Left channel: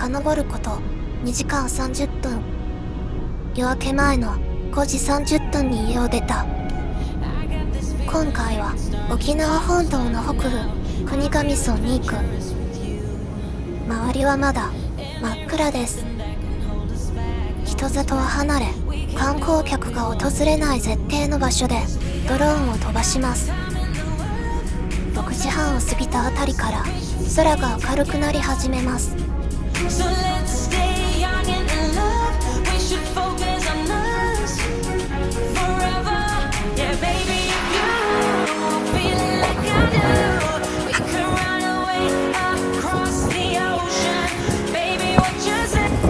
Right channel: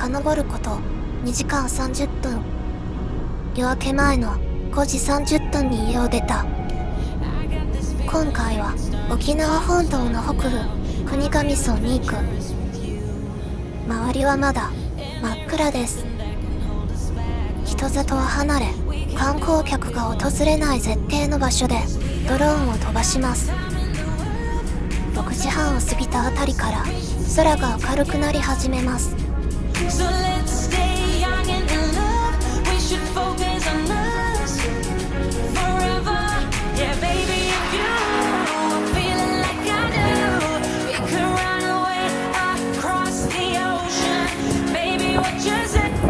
遡ること2時間30分。夜明け前の5時30分に家を出た。今回は沖縄本島の北部国頭村に行く。周りはまだ真っ暗です。人里は離れ、観光客が訪れない絶景の場所でドローンを飛ばします。6時半を過ぎたあたりから空が明るくなり始めます。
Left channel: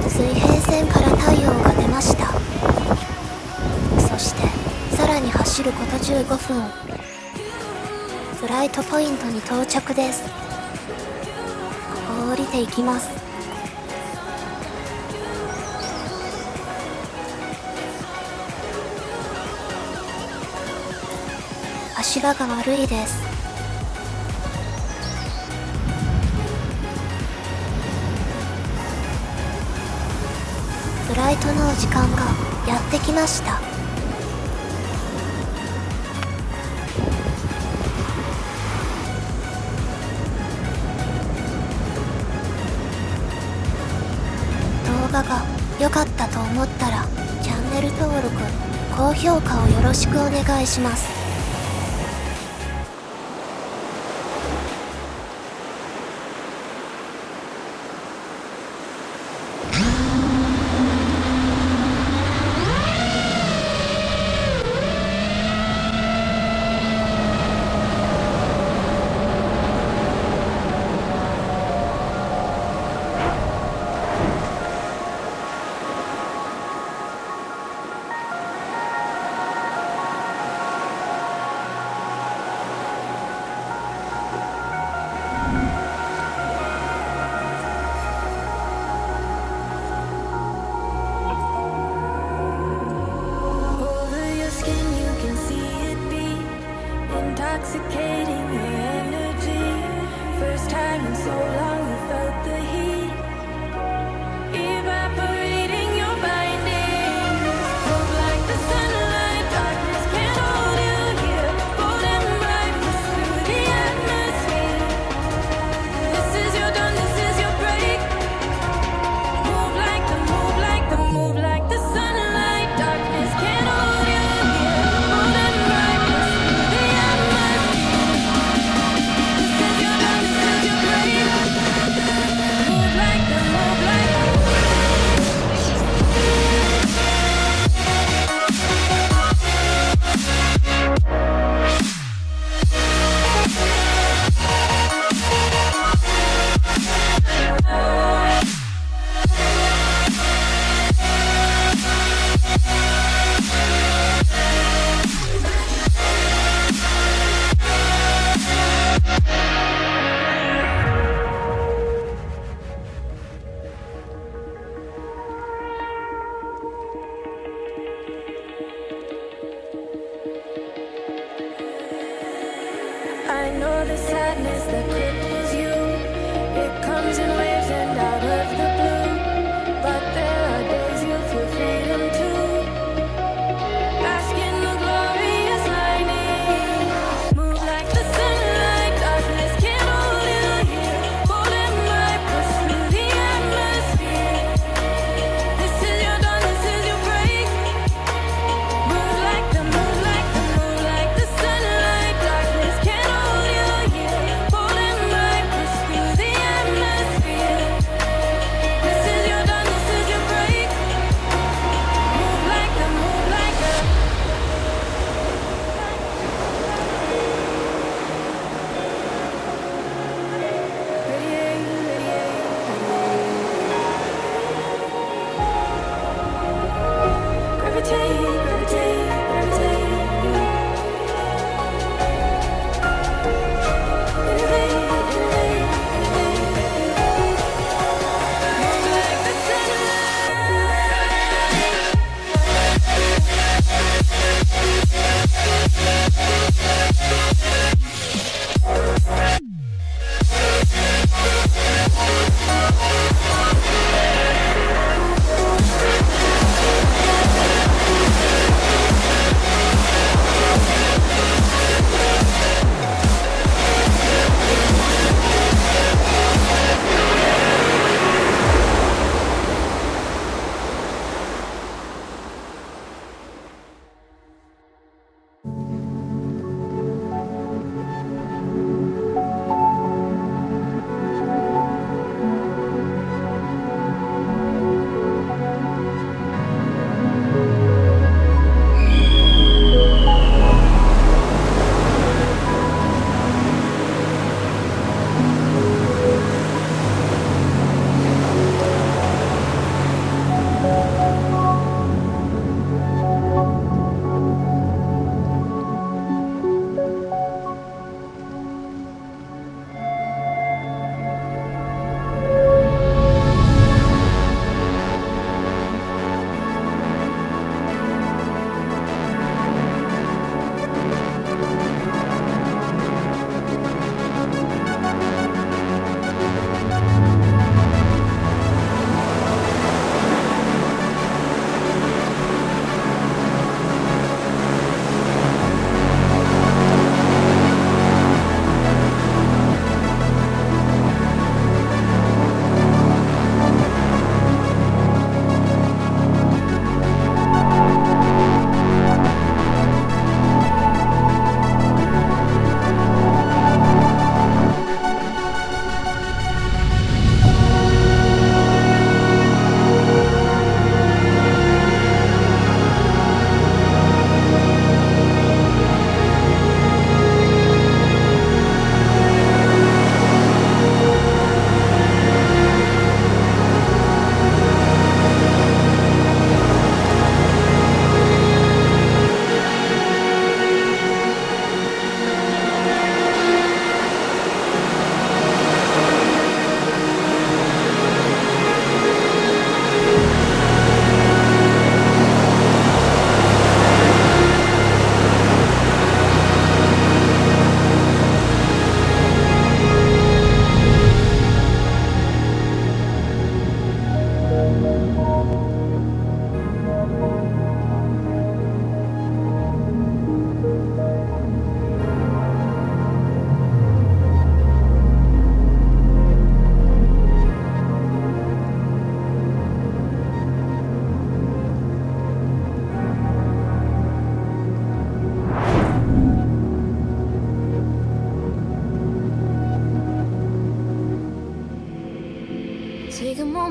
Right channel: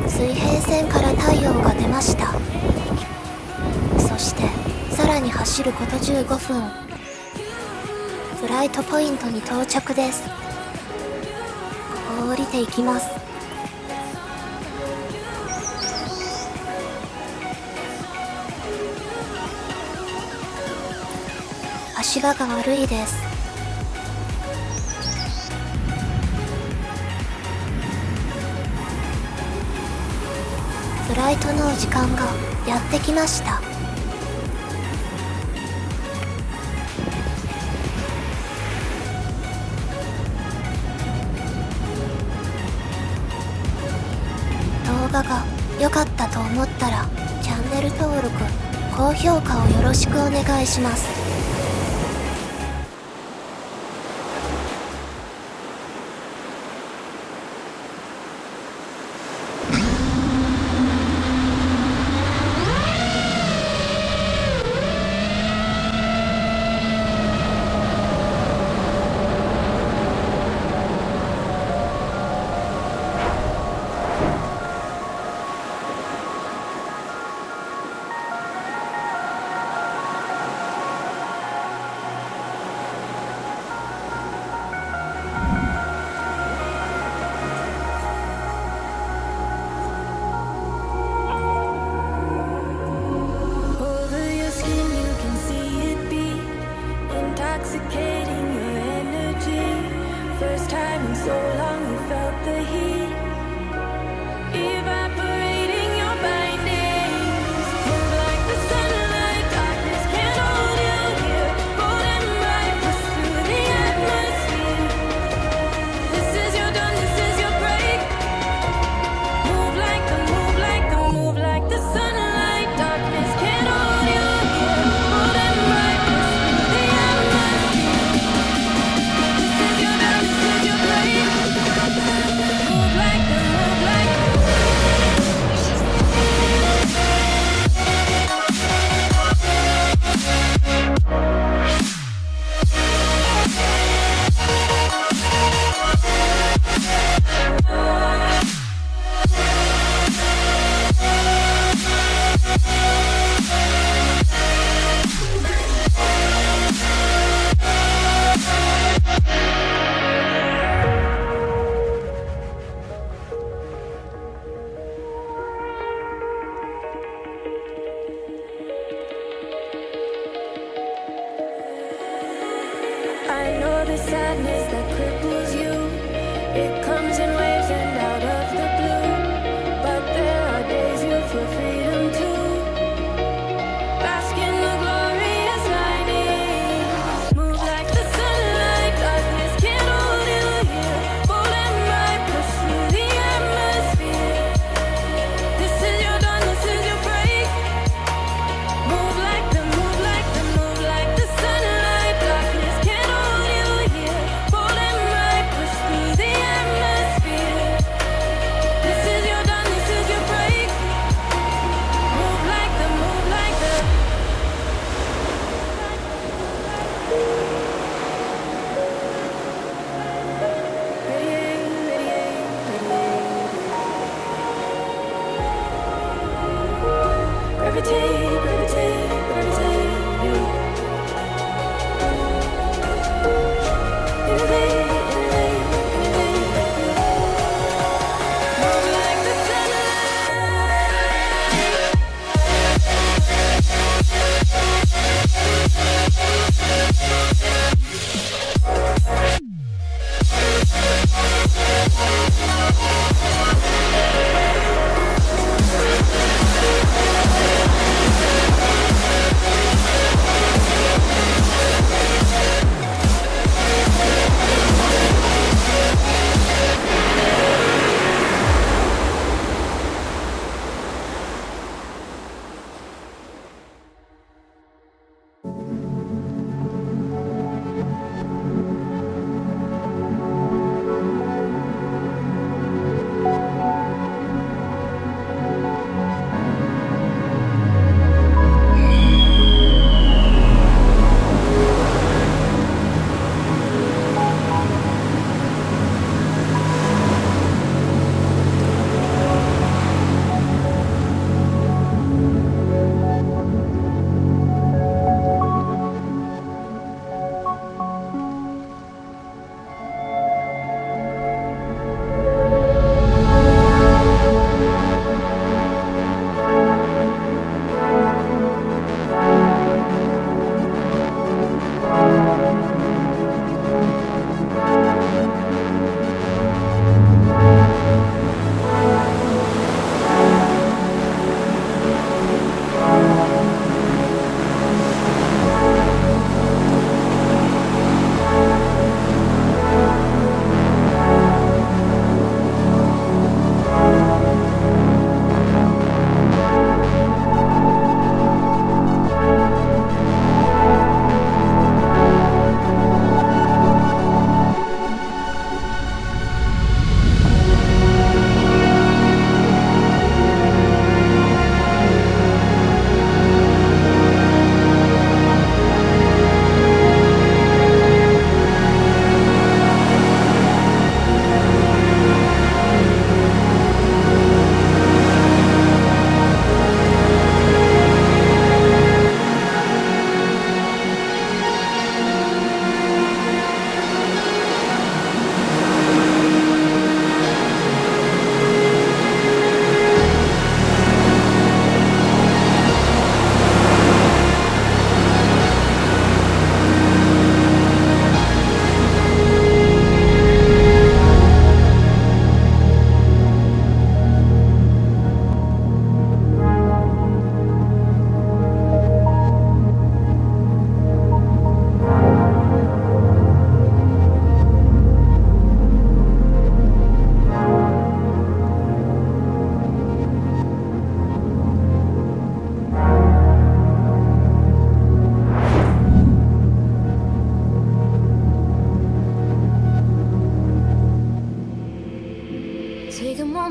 水平線から太陽が出ました。そしてさらに走ること15分。フライトポイントに到着です。ここを降りていきます。足場が悪いです。フライトの時間がやってきました。動画が良かったと思ったらチャンネル登録、高評価をよろしくお願いします。Intoxicating your energy. First time in so long you felt the heat evaporating your bindings. Move like the sunlight, darkness can't hold you here. Bold and bright, push through the atmosphere. This is your dawn, this is your break. Move like the sunlight, darkness can't hold you here. Bold and bright, push through the atmosphere. This is your dawn, this is your break. Move like the I know the sadness that cripples you. It comes in waves and out of the blue. But there are days you feel freedom too. Bask in the glorious lightning. Move like the sunlight, darkness can't hold you here. Bold and bright, push through the atmosphere. This is your dawn, this is your break. Move like the sunlight, darkness can't hold you here. Bold and bright, push through the atmosphere. This is your dawn, this is your break.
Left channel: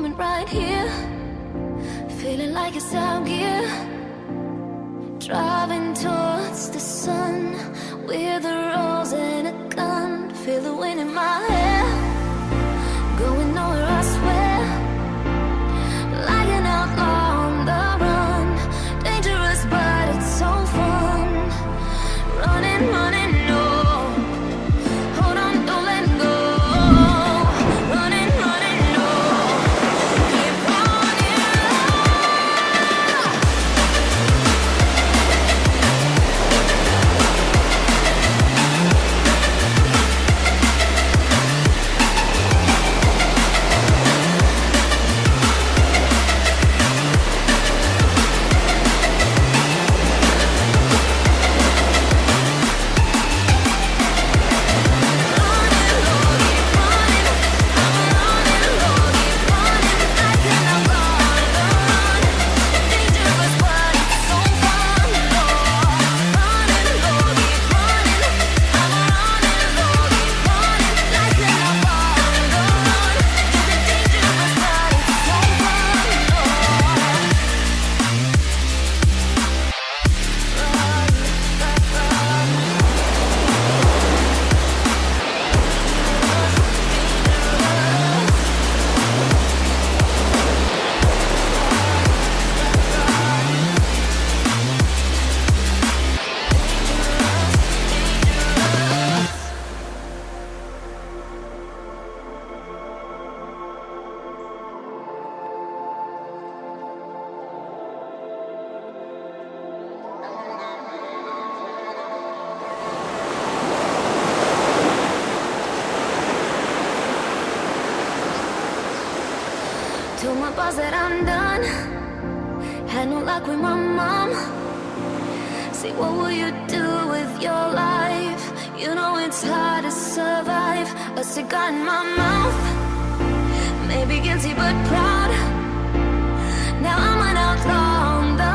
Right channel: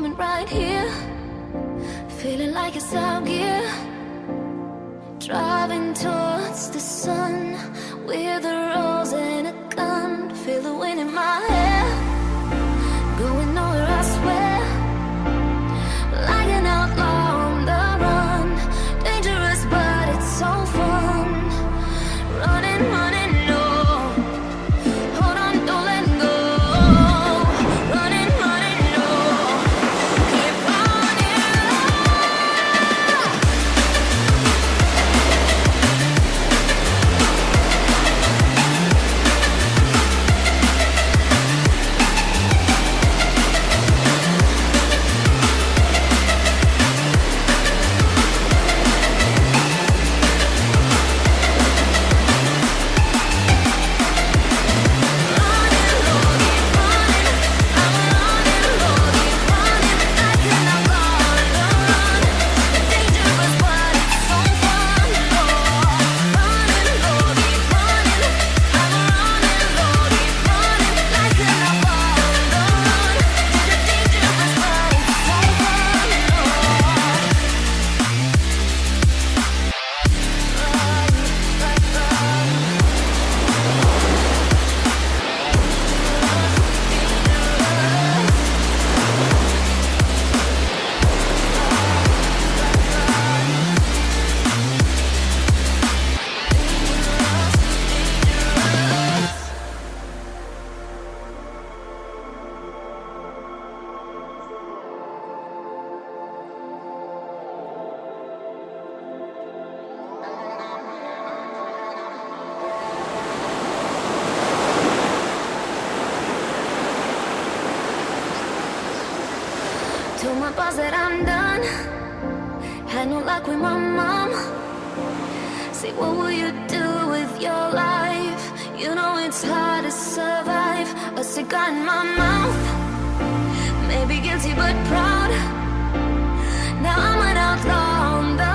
moment right here. Feeling like it's out gear. Driving towards the sun with a rose and a gun. Feel the wind in my hair. Going nowhere, I swear. Like an outlaw on the run. Dangerous, but it's so fun. Running, running, no. Hold on, don't let go. Running, running, no. Keep running. Told my boss that I'm done. Had no luck with my mom. Say, what will you do with your life? You know it's hard to survive. A cigar in my mouth. Maybe guilty but proud. Now I'm an outlaw on the